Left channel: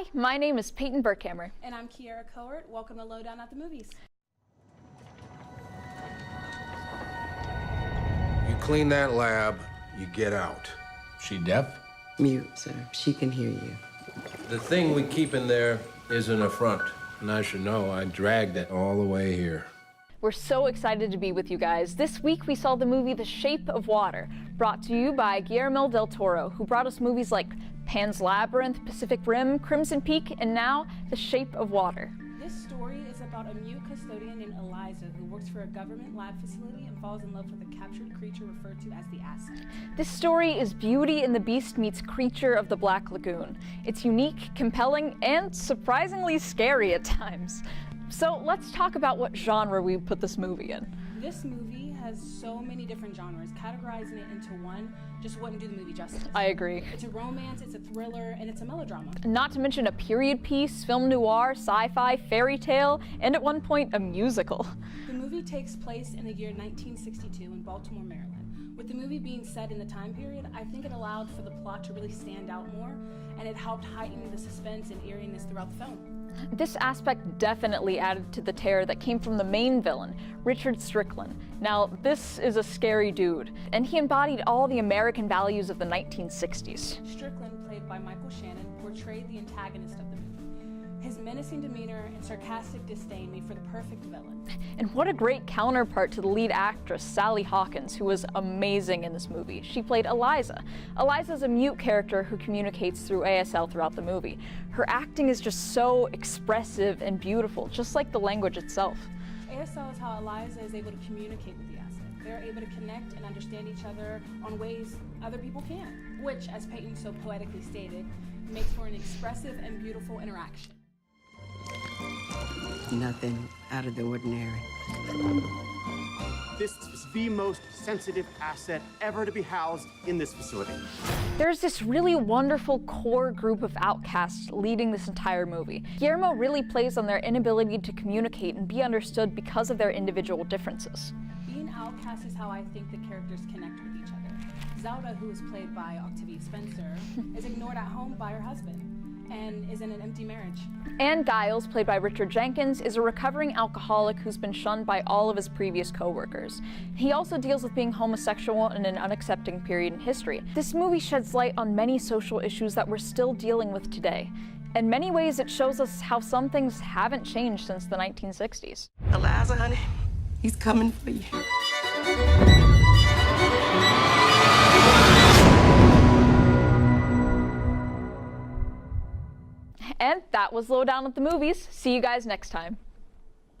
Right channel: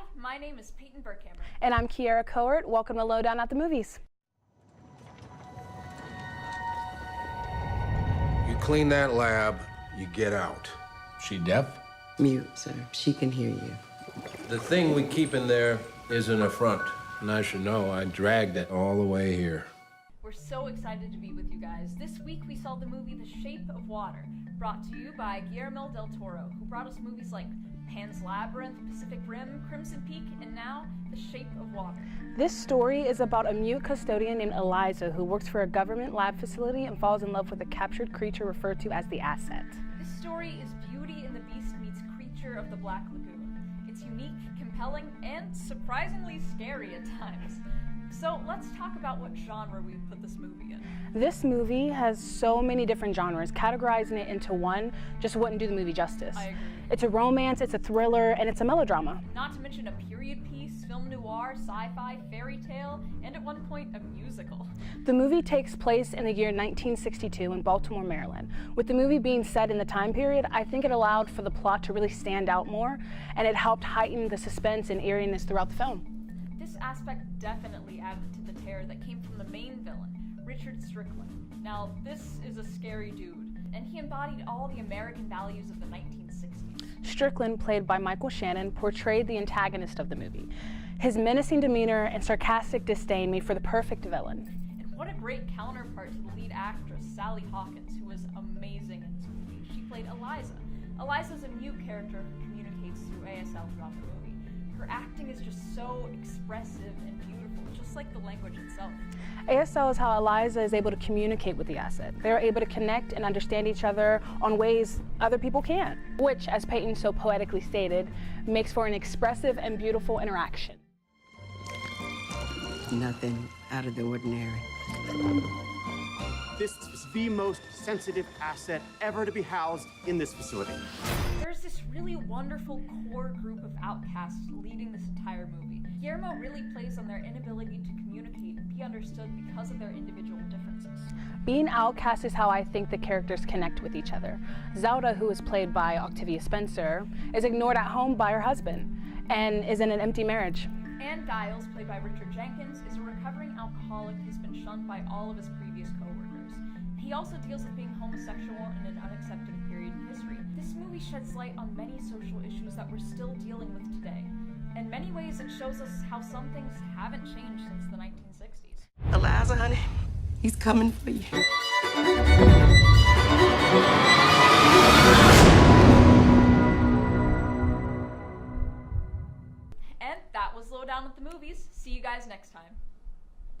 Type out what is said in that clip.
Hi, my name is Payton Burkhammer. And I'm Kiara Cohort. Welcome to Lowdown at the Movies. You clean that lab, you get out. She deaf? Mute, sir. She can hear you. The thing we keep in there is an affront. And I should know, I dragged it all the way here. We're so excited to be with you guys. This week we saw the movie The Shape of Water, brought to you by Guillermo Del Toro, who brought us movies like Pan's Labyrinth, Pacific Rim, Crimson Peak, and now The Shape of Water. This story is about a mute custodian named Eliza who works for a government lab facility and falls in love with a captured creature referred to as the Asset. This story is Beauty and the Beast meets Creature of the Black Lagoon. It's unique, compelling, and surprisingly scary at times. So let's talk about what genre we put this movie in. This movie has so many different genres. Categorizing it into one just wouldn't do the movie justice. I agree. It's a romance, it's a thriller, and it's a melodrama. Not to mention a period piece, film noir, sci-fi, fairy tale, and at one point a musical. The movie takes place in the year 1962 in Baltimore, Maryland. With the movie being set in the time period, I think it allowed for the plot to really stand out more, and it helped heighten the suspense and eeriness throughout the film. This aspect definitely added to the terror that came from the main villain, Richard Strickland. Now, this is a scary dude, and he embodied all the American values of the 1960s. Strickland, played by Michael Shannon, portrayed the antagonist of the movie. His menacing demeanor and sarcastic disdain made for the perfect villain. And what a great counterpart to the lead actress, Sally Hawkins, who was amazing in this movie. She played Eliza. Eliza's a mute character who communicates through ASL throughout the movie. Her acting is just so expressive and beautiful, just like the language itself. ASL is how Eliza is able to communicate with the Asset. They're able to connect and understand each other on ways other people can't, which, as Payton so poetically stated, makes for an expressive and beautiful interaction. Nothing out of the ordinary. This is the most sensitive asset ever to be housed in this facility. There's this really wonderful core group of outcasts leading this entire movie. Guillermo really plays on their inability to communicate and be understood because of their individual differences. Being outcast is how I think the characters connect with each other. Zelda, who is played by Octavia Spencer, is ignored at home by her husband and is in an empty marriage. And Giles, played by Richard Jenkins, is a recovering alcoholic who's been shunned by all of his previous co-workers. He also deals with being homosexual in an unaccepting period in history. This movie sheds light on many social issues that we're still dealing with today. In many ways, it shows us how some things haven't changed since the 1960s. Eliza, honey, he's coming for you. And that was Lowdown at the Movies. See you guys next time.